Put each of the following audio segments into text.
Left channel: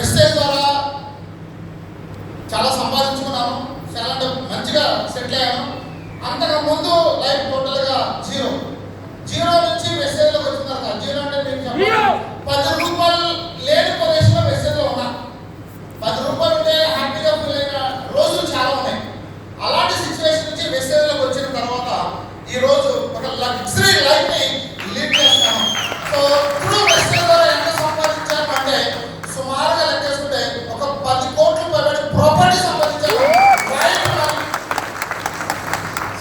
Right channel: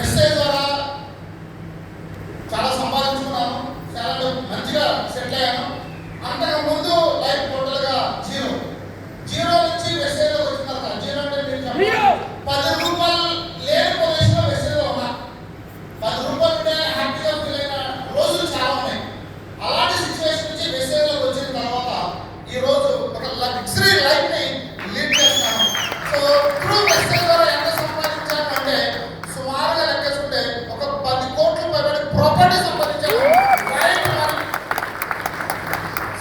Message ద్వారా చాలా సంపాదించుకున్నాను, చాలా మంచిగా సెటిల్ అయ్యాను. అంతకు ముందు లైఫ్ టోటల్గా జీరో నుంచి మెసేజ్లో వచ్చిన జీరో అంటే మీరు 10 రూపాయలు లేని పొజిషన్లో మెసేజ్లో ఉన్నా. 10 రూపాయలు ఉంటే హ్యాపీగా ఫీల్ అయిన రోజులు చాలా ఉన్నాయి. అలాంటి సిచ్యువేషన్ నుంచి మెసేజ్లోకి వచ్చిన తర్వాత ఈరోజు ఒక లగ్జరీ లైఫ్ని లీడ్ చేస్తాను. సో ఇప్పుడు మెసేజ్ ద్వారా ఎంత సంపాదించాను అంటే సుమారుగా లెక్కేసుకుంటే ఒక 10 కోట్ల రూపాయలు ప్రాపర్టీ సంపాదించాను.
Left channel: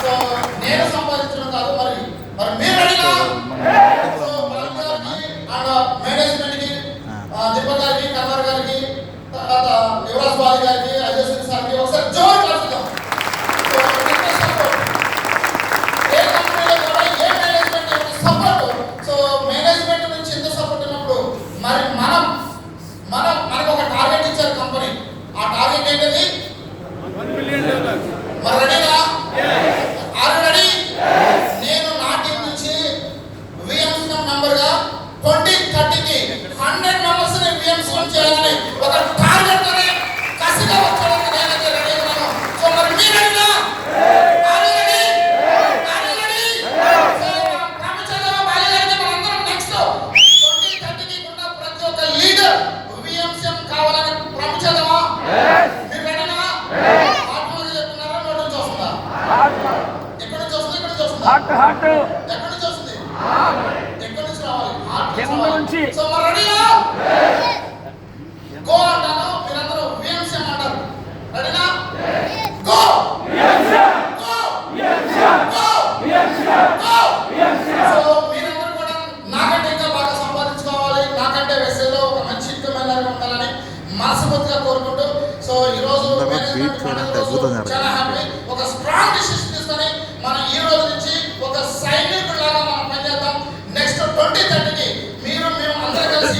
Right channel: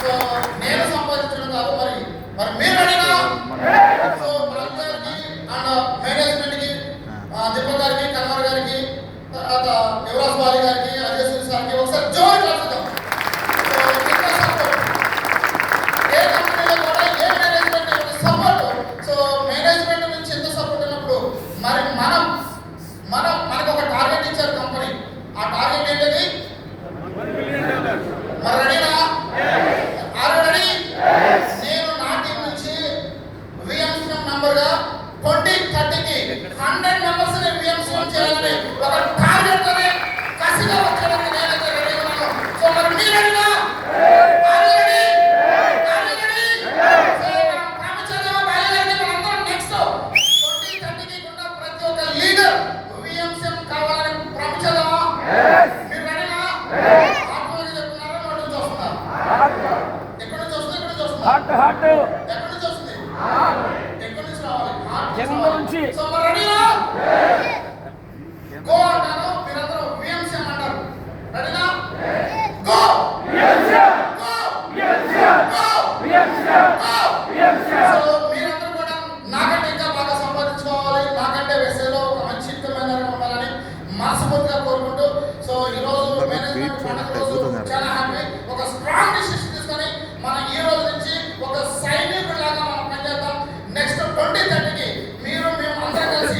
సో నేను సంపాదించడం కాదు, మరి మీరు అడిగినా సో మలిక్ గారికి అండ్ మేనేజ్మెంట్కి, దీపక్ గారికి, కన్వర్ గారికి, తర్వాత యువరాజ్ బాలి గారికి, అజయ్ సూరి సార్కి ఒకసారి జోర్ కలుపుతాం. ఏ కంపెనీలో కూడా ఏ మేనేజ్మెంట్ సపోర్ట్. సో మేనేజ్మెంట్ నుంచి ఎంత సపోర్ట్ ఉన్నప్పుడు మరి మనకు ఒక టార్గెట్ ఇచ్చారు కంపెనీ. ఆ టార్గెట్ ఏంటది? మరి రెడీనా? ఆల్రెడీ నేను నా టీం నుంచి విఎంసీఎం నంబర్గా 2030కి 100 మెంబర్స్ని విఎంసీఎం చేయాలని ఒక టార్గెట్తోనే కసిగా వచ్చేందుకు నేనైతే రెడీ ఉన్నాను. సో మరి మీరు రెడీనా? సో మరి రెడీనా? గో అంటాను, మీరందరూ విఎంసీఎం అంటారు. రెడీనా? గో గో సో మీరందరూ కూడా నాకంటే ఇంకా బాగా సంపాదించుకోవాలి, నాకంటే వెసేలో ఒక మంచి ఇన్కమ్ ఉండాలని మనస్ఫూర్తిగా కోరుకుంటూ సో ఈరోజు చాలా హ్యాపీ. ఒక స్ట్రాంగ్ డిసిషన్ తీసుకొని మనం ఈ రోజు నుంచి ఒక సైనికులాగా మనం పనిచేద్దాం. నెక్స్ట్ 2030కి మేము అందరం కలిసి